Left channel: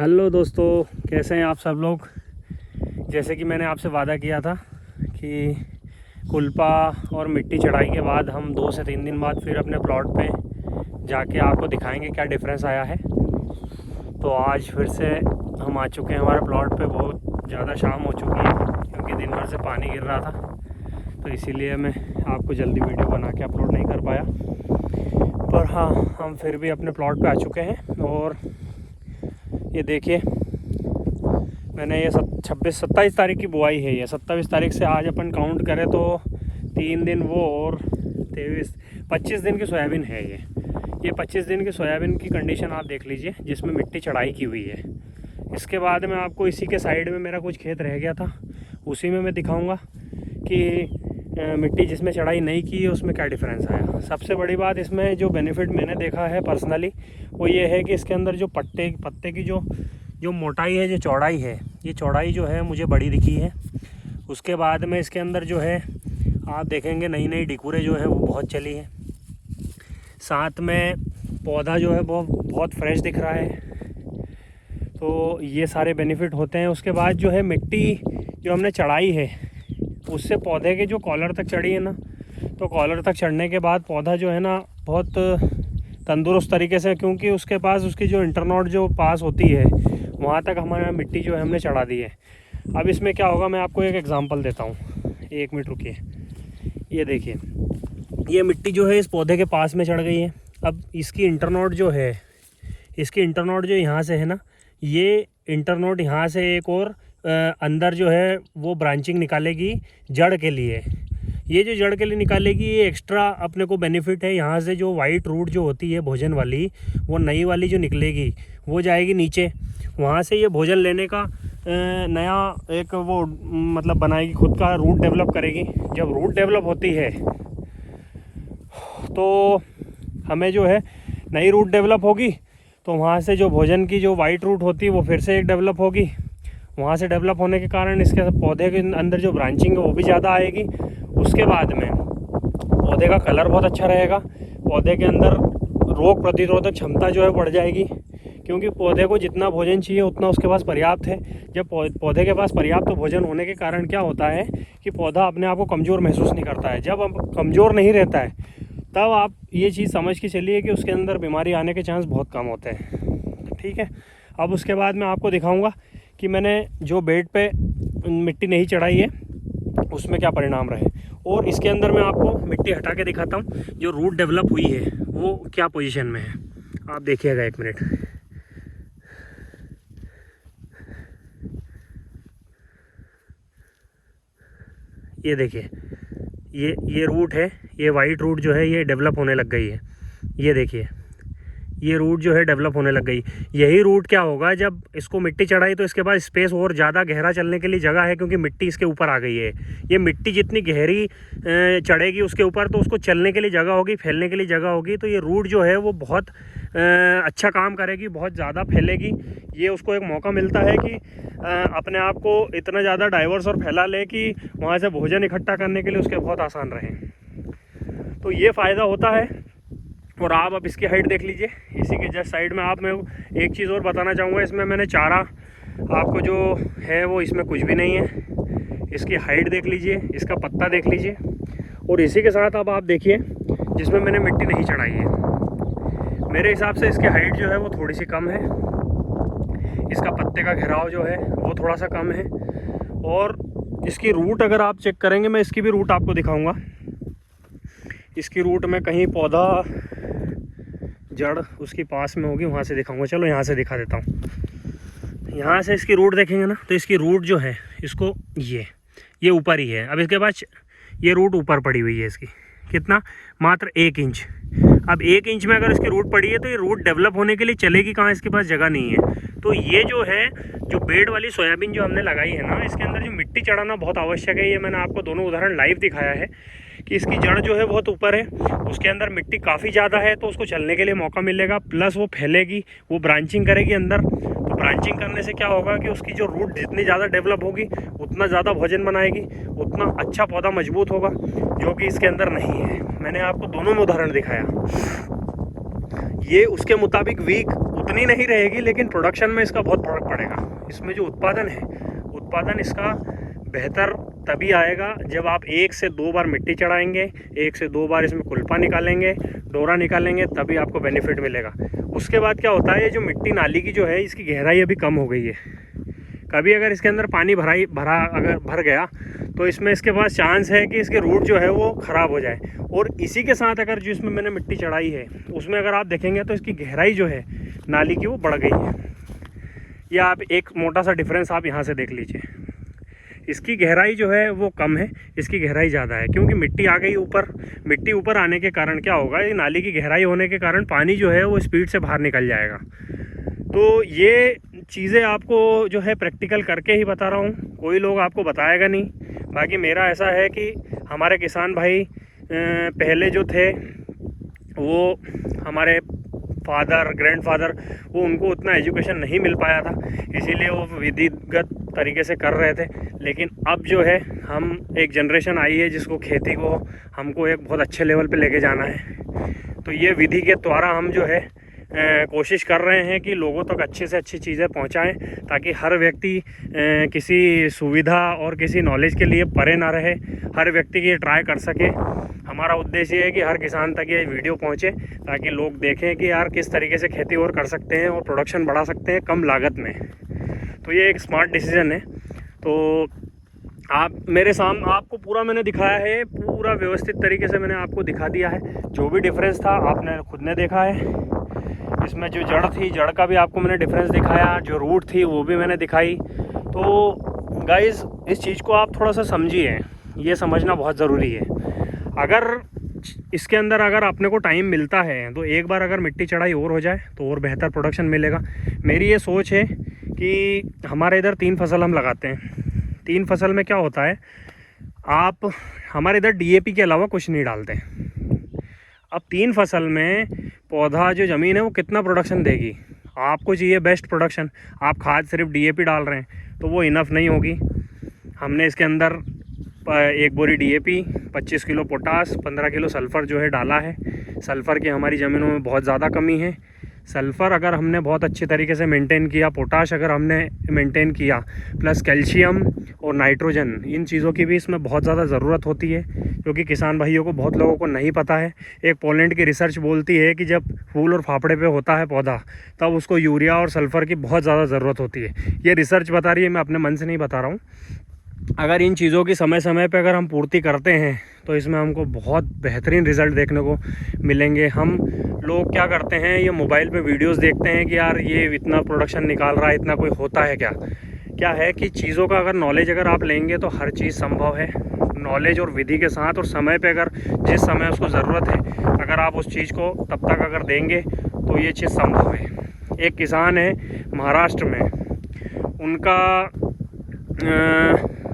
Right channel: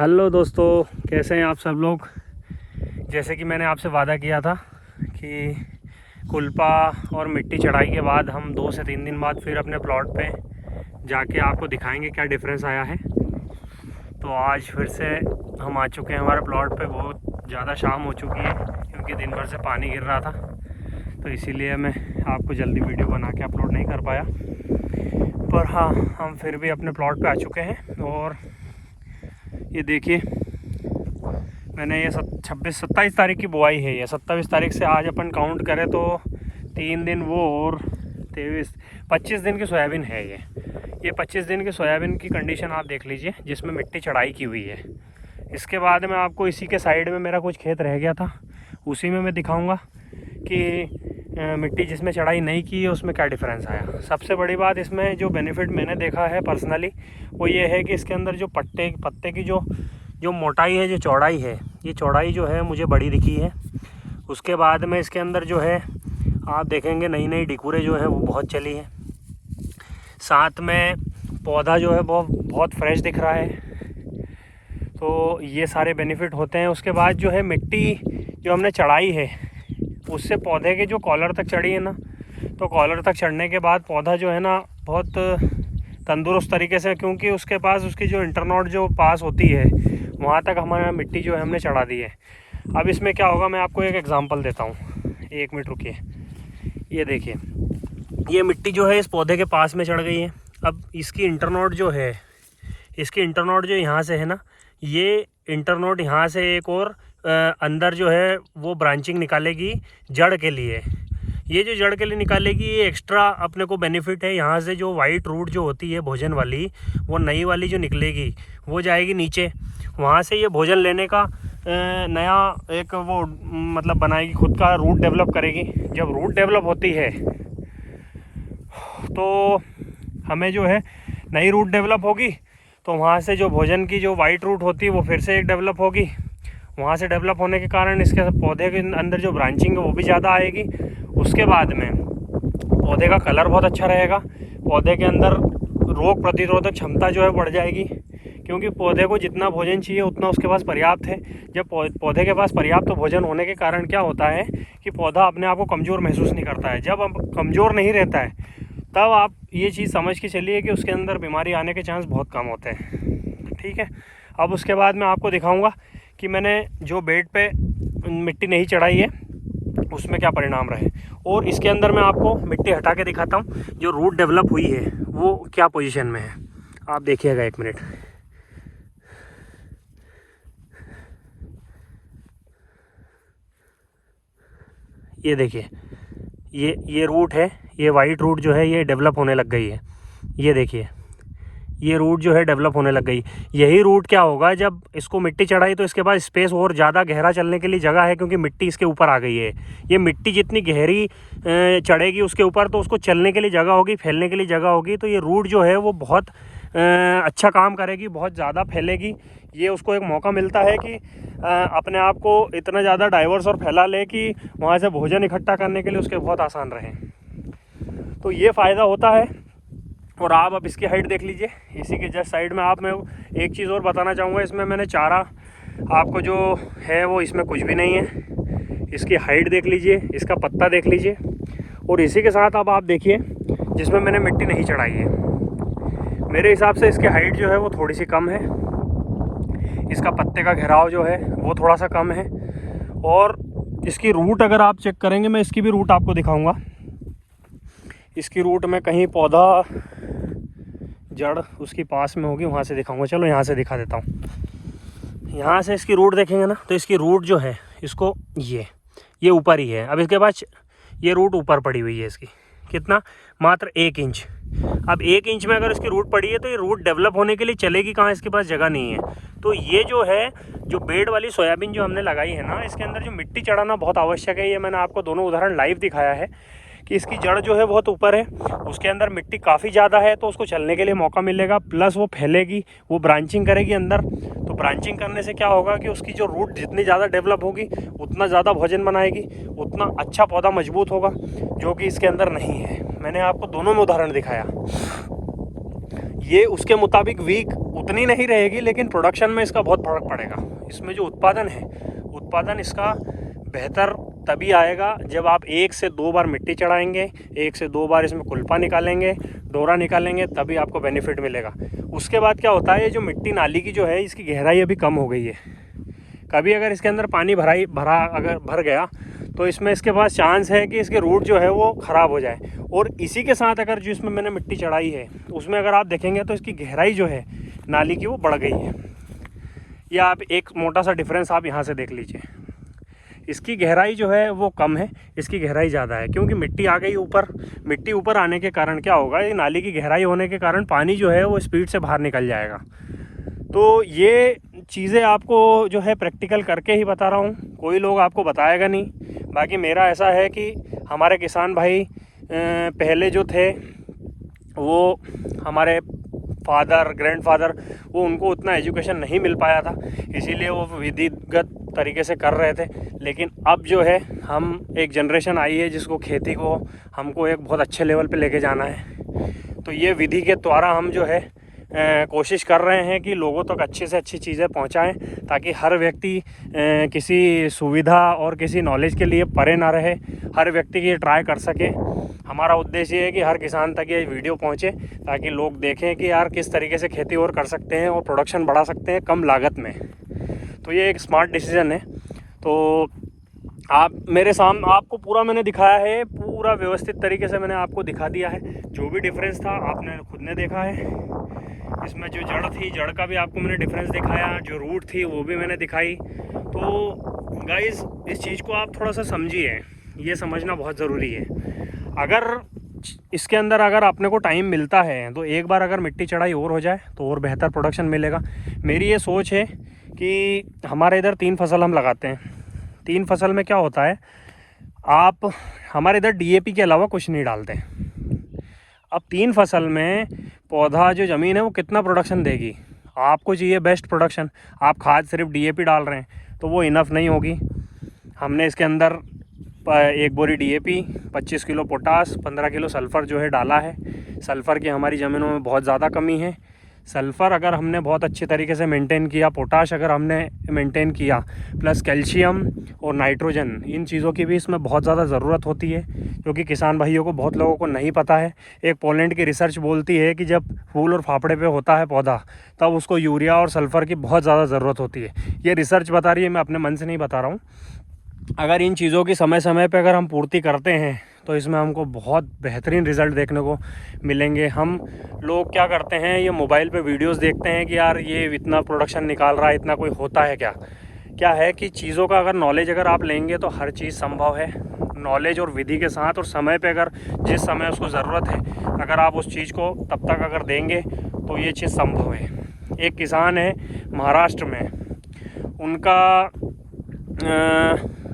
Hello दोस्तों, कैसे हैं आप सब लोग। जैसे कि मैंने आपसे वादा किया था कि कुल्पा और मिट्टी चढ़ाई के बाद हम 2 से 3 दिन बाद फिर अपने प्लॉट पे जाके आपको दिखाएंगे क्या डिफरेंस आया है। तो आज फिर से हम आ चुके हैं हमारे प्लॉट पे। बहुत ज़्यादा शाम हो चुकी है क्योंकि दिन भर से पानी गिर रहा था, तो इसीलिए मैं आपको जल्दी वीडियो बना के अपलोड नहीं कर पाया। पर हाँ, हम फिर भी अपने प्लॉट पे आ चुके हैं। और ये देखिए, मैंने ये 27 तारीख की बुआई है। ये 27 तारीख से आज अपन काउंट करें तो 3 दिन वो और 25 दिन की सोयाबीन है। ये 25 दिन की सोयाबीन की कंडीशन आप देख लीजिए, जिसमें मिट्टी चढ़ाई की हुई है। इसके बाद में आपको इसी के साइड में मेरा कुछ खेत रह गया था, उसी में मैं दिखाऊंगा कि मिट्टी जिसमें चढ़ाई नहीं की है उसमें क्या डिफरेंस आया। सबसे बड़ी बात इसमें जो बेनिफिट मैंने देखा है पर्सनली, वो ये है कि इसके अंदर जो पत्ते की जो मोटाई है, जो चौड़ाई है, ये चौड़ाई जो है मुझे बड़ी दिखी है। उसके बाद में इसके अंदर जो है आप देखेंगे नई नई डिकूरें जो है वो बहुत चली है। साथ में पौधा जो है बहुत फ्रेश दिख रहा है। तो ये सारे बेनिफिट होते हैं। उसके बाद जो है मिट्टी जो हमने चढ़ाई है उससे पौधे के जो कॉलर तक चढ़ी है ना, तो कॉलर तक चढ़ने के बाद पौधा जो है ना बहुत तंदुरुस्त तरीके से, क्योंकि उसके पास उसकी जो इंटरनोड जो पास होती है वहाँ तक हमारा मिट्टी जो है हमने चढ़ा दी है। अब इसमें क्या होगा, मैं आपको एक एग्जांपल देता हूँ। 1 मिनट रुकिए। ये देखिए, ये मिट्टी जो है इस पौधे के पास में चढ़ गई है। अब इसकी इंटरनोड जो है, इसकी इंटरनोड जो यहाँ से है ना, ये इंटरनोड यहाँ से एक और अंदर जो है वो ब्रांचिंग निकालेगी जड़ के लिए। ये जो जड़ के लिए निकालेगी, ये एक्स्ट्रा अपने को बेनिफिट है। यहाँ से जो वाइट रूट जो होती है भोजन वाली, वो नई वाली जो निकलेगी वो जाएगी नीचे। वहाँ से ये भोजन लेने का नया एक वो मतलब बनाएगी, खुद का रूट डेवलप करेगी। जब रूट डेवलप होती है तो हमें जो है नई रूट डेवलप होगी, तो वहाँ से जो भोजन की जो वाइट रूट होती है वो फिर से एक डेवलप होगी। वहाँ से डेवलप होने के कारण इसके पौधे के अंदर जो ब्रांचिंग है वो भी ज़्यादा आएगी। उसके बाद में पौधे का कलर बहुत अच्छा रहेगा। पौधे के अंदर रोग प्रतिरोधक क्षमता जो है बढ़ जाएगी, क्योंकि पौधे को जितना भोजन चाहिए उतना उसके पास पर्याप्त है। जब पौधे के पास पर्याप्त भोजन होने के कारण क्या होता है कि पौधा अपने आप को कमज़ोर महसूस नहीं करता है। जब अब कमज़ोर नहीं रहता है तब आप ये चीज़ समझ के चलिए कि उसके अंदर बीमारी आने के चांस बहुत कम होते हैं। ठीक है। अब उसके बाद मैं आपको दिखाऊंगा कि मैंने जो बेड पे मिट्टी नहीं चढ़ाई है उसमें क्या परिणाम रहे। और इसके अंदर मैं आपको मिट्टी हटा के दिखाता हूँ, जो रूट डेवलप हुई है वो क्या पोजीशन में है। आप देखिएगा 1 मिनट। ये देखिए, ये रूट है, ये वाइट रूट जो है ये डेवलप होने लग गई है। ये देखिए, ये रूट जो है डेवलप होने लग गई। यही रूट क्या होगा, जब इसको मिट्टी चढ़ाई तो इसके बाद स्पेस और ज़्यादा गहरा चलने के लिए जगह है, क्योंकि मिट्टी इसके ऊपर आ गई है। ये मिट्टी जितनी गहरी चढ़ेगी उसके ऊपर, तो उसको चलने के लिए जगह होगी, फैलने के लिए जगह होगी। तो ये रूट जो है वो बहुत अच्छा काम करेगी, बहुत ज़्यादा फैलेगी। ये उसको एक मौका मिलता है कि अपने आप को इतना ज़्यादा डाइवर्स और फैला ले कि वहाँ से भोजन इकट्ठा करने के लिए उसके बहुत आसान रहे। तो ये फ़ायदा होता है। और आप अब इसकी हाइट देख लीजिए। इसी के जस्ट साइड में आप मैं एक चीज़ और बताना चाहूँगा। इसमें मैंने चारा आपको जो है वो इसमें कुछ भी नहीं है। इसकी हाइट देख लीजिए, इसका पत्ता देख लीजिए। और इसी के साथ अब आप देखिए जिसमें मैंने मिट्टी नहीं चढ़ाई है, मेरे हिसाब से इसकी हाइट जो है वो थोड़ी सी कम है। इसका पत्ते का घेराव जो है वो थोड़ा सा कम है। और इसकी रूट अगर आप चेक करेंगे, मैं इसकी भी रूट आपको दिखाऊँगा। इसकी रूट में कहीं पौधा जड़ उसकी पास में होगी, वहाँ से दिखाऊंगा। चलो यहाँ से दिखा देता हूँ। यहाँ से इसकी रूट देखेंगे ना, तो इसकी रूट जो है इसको ये ऊपर ही है। अब इसके बाद ये रूट ऊपर पड़ी हुई है इसकी, कितना, मात्र 1 इंच। अब 1 इंच में अगर इसकी रूट पड़ी है तो ये रूट डेवलप होने के लिए चलेगी कहाँ, इसके पास जगह नहीं है। तो ये जो है जो बेड वाली सोयाबीन जो हमने लगाई है ना, इसके अंदर जो मिट्टी चढ़ाना बहुत आवश्यक है। ये मैंने आपको दोनों उदाहरण लाइव दिखाया है कि इसकी जड़ जो है बहुत ऊपर है, उसके अंदर मिट्टी काफ़ी ज़्यादा है, तो उसको चलने के लिए मौका मिलेगा। प्लस वो फैलेगी, वो ब्रांचिंग करेगी अंदर। तो ब्रांचिंग करने से क्या होगा कि उसकी जो रूट जितनी ज़्यादा डेवलप होगी उतना ज़्यादा भोजन बनाएगी, उतना अच्छा पौधा मजबूत होगा, जो कि इसके अंदर नहीं है। मैंने आपको दोनों में उदाहरण दिखाया। ये उसके मुताबिक वीक उतनी नहीं रहेगी, लेकिन प्रोडक्शन में इसका बहुत फर्क पड़ेगा। इसमें जो उत्पादन है, उत्पादन इसका बेहतर तभी आएगा जब आप 1 से 2 बार मिट्टी चढ़ाएंगे, 1 से 2 बार इसमें कुल्पा निकालेंगे, डोरा निकालेंगे, तभी आपको बेनिफिट मिलेगा। उसके बाद क्या होता है, ये जो मिट्टी नाली की जो है इसकी गहराई अभी कम हो गई है। कभी अगर इसके अंदर पानी भर गया तो इसमें इसके पास चांस है कि इसके रूट जो है वो ख़राब हो जाए। और इसी के साथ अगर जो इसमें मैंने मिट्टी चढ़ाई है उसमें अगर आप देखेंगे तो इसकी गहराई जो है नाली की वो बढ़ गई है। या आप एक मोटा सा डिफरेंस आप यहाँ से देख लीजिए, इसकी गहराई जो है वो कम है, इसकी गहराई ज़्यादा है, क्योंकि मिट्टी आ गई ऊपर। मिट्टी ऊपर आने के कारण क्या होगा, ये नाली की गहराई होने के कारण पानी जो है वो स्पीड से बाहर निकल जाएगा। तो ये चीज़ें आपको जो है प्रैक्टिकल करके ही बता रहा हूँ, कोई लोग आपको बताएगा नहीं। बाकी मेरा ऐसा है कि हमारे किसान भाई पहले जो थे वो हमारे फादर ग्रैंडफादर, वो उनको उतना एजुकेशन नहीं मिल पाया था, इसीलिए वो विधिगत तरीके से कर रहे थे। लेकिन अब जो है हम एक जनरेशन आई है जिसको खेती को हमको एक बहुत अच्छे लेवल पे लेके जाना है। तो ये विधि के द्वारा हम जो है कोशिश कर रहे हैं कि लोगों तक अच्छे से अच्छी चीज़ें पहुंचाएं, ताकि हर व्यक्ति किसी सुविधा और किसी नॉलेज के लिए परे ना रहे, हर व्यक्ति ये ट्राई कर सके। हमारा उद्देश्य ये है कि हर किसान तक ये वीडियो पहुंचे, ताकि लोग देखें कि यार किस तरीके से खेती और कर सकते हैं और प्रोडक्शन बढ़ा सकते हैं कम लागत में। तो ये एक स्मार्ट डिसीजन है। तो आप मेरे सामने आपको पूरा मैंने दिखाया है, पूरा व्यवस्थित तरीके से मैंने आपको दिखा दिया है। जो भी डिफरेंस था आपने खुद ने देखा है। इसमें जो जड़ थी, जड़ का भी आपको मैंने डिफरेंस दिखाया, जो रूट थी वो भी मैंने दिखाई। तो गाइज़ इस चीज़ को आप थोड़ा सा समझिए, ये समझना बहुत ज़रूरी है। अगर इसके अंदर अगर अपने को टाइम मिलता है तो एक बार अगर मिट्टी चढ़ाई और हो जाए तो और बेहतर प्रोडक्शन मिलेगा। मेरी ये सोच है कि हमारे इधर 3 फसल हम लगाते हैं। 3 फसल में क्या होता है, आप हमारे इधर DAP के अलावा कुछ नहीं डालते। अब 3 फसल में पौधा जो ज़मीन है वो कितना प्रोडक्शन देगी, आपको चाहिए बेस्ट प्रोडक्शन। आप खाद सिर्फ DAP डाल रहे हैं तो वो इनफ नहीं होगी। हमने इसके अंदर 1 बोरी DAP, 25 kilo potash, 15 kilo sulphur जो है डाला है। सल्फ़र की हमारी ज़मीनों में बहुत ज़्यादा कमी है। सल्फ़र अगर हमने बहुत अच्छे तरीके से मेंटेन किया, पोटाश अगर हमने मेंटेन किया, प्लस कैल्शियम और नाइट्रोजन, इन चीज़ों की भी इसमें बहुत ज़्यादा ज़रूरत होती है, क्योंकि किसान भाइयों को बहुत लोगों को नहीं पता है। एक पोलैंड की रिसर्च बोलती है कि जब फूल और फाफड़े पे होता है पौधा, तब उसको यूरिया और सल्फ़र की बहुत ज़्यादा ज़रूरत होती है। ये रिसर्च बता रही है, मैं अपने मन से नहीं बता रहा हूँ। अगर इन चीज़ों की समय समय पे अगर हम पूर्ति करते हैं तो इसमें हमको बहुत बेहतरीन रिज़ल्ट देखने को मिलेंगे। हम लोग क्या करते हैं, ये मोबाइल पे वीडियोस देखते हैं कि यार ये इतना प्रोडक्शन निकाल रहा है, इतना कोई होता है क्या है कि चीज़ों का अगर नॉलेज अगर आप लेंगे तो हर चीज़ संभव है। नॉलेज और विधि के साथ और समय पे अगर जिस समय उसको ज़रूरत है, अगर आप उस चीज़ को तब तक अगर देंगे तो ये चीज़ संभव है। एक किसान है महाराष्ट्र में, उनका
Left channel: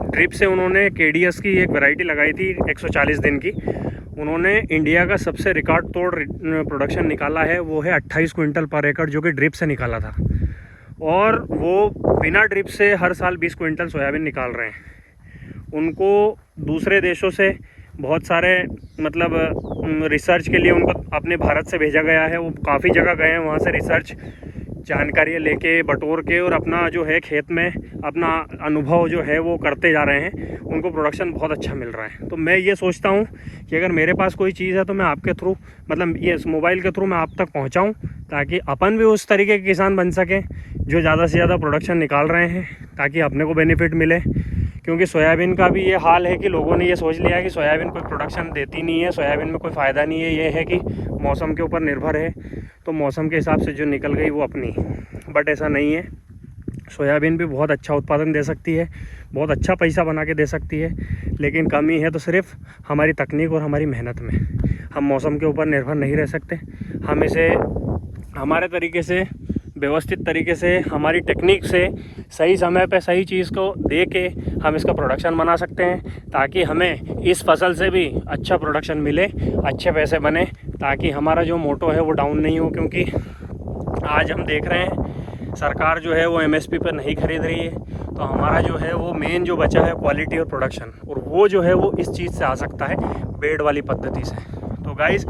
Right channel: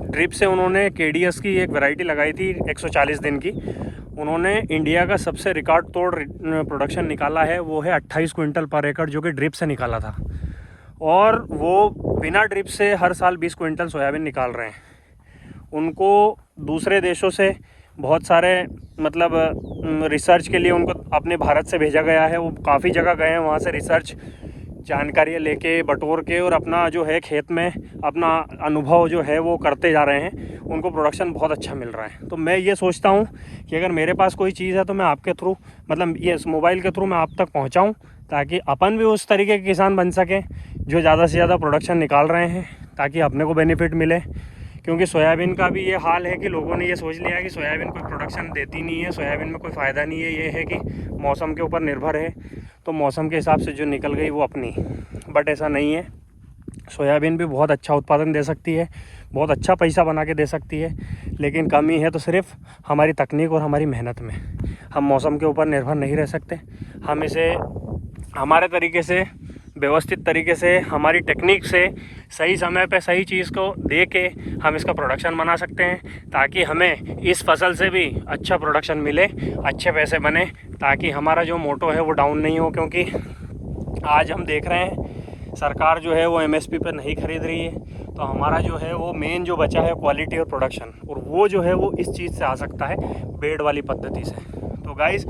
ड्रिप से उन्होंने KDS की एक वैरायटी लगाई थी 140 दिन की। उन्होंने इंडिया का सबसे रिकॉर्ड तोड़ प्रोडक्शन निकाला है, वो है 28 क्विंटल पर एकड़, जो कि ड्रिप से निकाला था। और वो बिना ड्रिप से हर साल 20 क्विंटल सोयाबीन निकाल रहे हैं। उनको दूसरे देशों से बहुत सारे रिसर्च के लिए उनको अपने भारत से भेजा गया है। वो काफ़ी जगह गए हैं, वहाँ से रिसर्च जानकारियाँ लेके बटोर के और अपना जो है खेत में अपना अनुभव जो है वो करते जा रहे हैं। उनको प्रोडक्शन बहुत अच्छा मिल रहा है। तो मैं ये सोचता हूँ कि अगर मेरे पास कोई चीज़ है तो मैं आपके थ्रू ये मोबाइल के थ्रू मैं आप तक पहुँचाऊँ, ताकि अपन भी उस तरीके के किसान बन सकें जो ज़्यादा से ज़्यादा प्रोडक्शन निकाल रहे हैं, ताकि अपने को बेनिफिट मिले। क्योंकि सोयाबीन का भी ये हाल है कि लोगों ने ये सोच लिया है कि सोयाबीन कोई प्रोडक्शन देती नहीं है, सोयाबीन में कोई फ़ायदा नहीं है। ये है कि मौसम के ऊपर निर्भर है, तो मौसम के हिसाब से जो निकल गई वो अपनी। बट ऐसा नहीं है, सोयाबीन भी बहुत अच्छा उत्पादन दे सकती है, बहुत अच्छा पैसा बना के दे सकती है। लेकिन कमी है तो सिर्फ हमारी तकनीक और हमारी मेहनत में। हम मौसम के ऊपर निर्भर नहीं रह सकते। हम इसे हमारे तरीके से, व्यवस्थित तरीके से, हमारी टेक्निक से सही समय पे सही चीज़ को दे के हम इसका प्रोडक्शन बना सकते हैं, ताकि हमें इस फसल से भी अच्छा प्रोडक्शन मिले, अच्छे पैसे बने, ताकि हमारा जो मोटो है वो डाउन नहीं हो। क्योंकि आज हम देख रहे हैं सरकार जो है वो MSP पर नहीं खरीद रही है, तो हमारा जो है वो मेन जो बचा है क्वालिटी और प्रोडक्शन, और वो जो है वो इस चीज़ से आ सकता है, बेड वाली पद्धति से। तो गाइस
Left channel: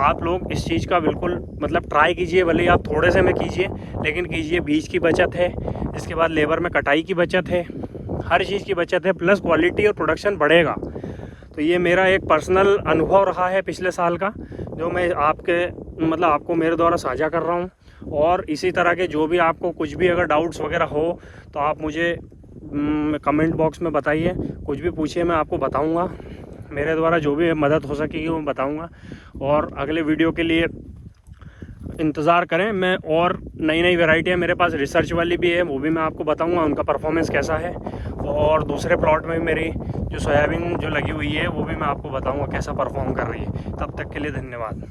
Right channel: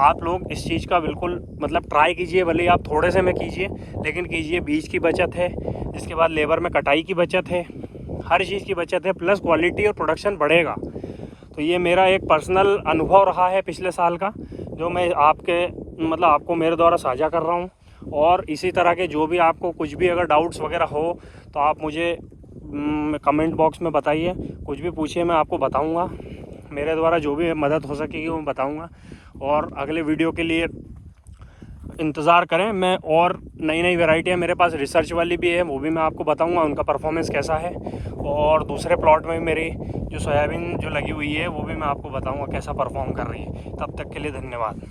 आप लोग इस चीज़ का बिल्कुल मतलब ट्राई कीजिए, भले ही आप थोड़े से में कीजिए लेकिन कीजिए। बीज की बचत है, इसके बाद लेबर में कटाई की बचत है, हर चीज़ की बचत है, प्लस क्वालिटी और प्रोडक्शन बढ़ेगा। तो ये मेरा एक पर्सनल अनुभव रहा है पिछले साल का, जो मैं आपको मेरे द्वारा साझा कर रहा हूँ। और इसी तरह के जो भी आपको कुछ भी अगर डाउट्स वगैरह हो तो आप मुझे कमेंट बॉक्स में बताइए, कुछ भी पूछिए, मैं आपको बताऊँगा। मेरे द्वारा जो भी मदद हो सकेगी वो बताऊँगा। और अगले वीडियो के लिए इंतज़ार करें। मैं और नई नई वैरायटियाँ मेरे पास रिसर्च वाली भी है, वो भी मैं आपको बताऊंगा उनका परफॉर्मेंस कैसा है। और दूसरे प्लॉट में मेरी जो सोयाबीन जो लगी हुई है वो भी मैं आपको बताऊंगा कैसा परफॉर्म कर रही है। तब तक के लिए धन्यवाद।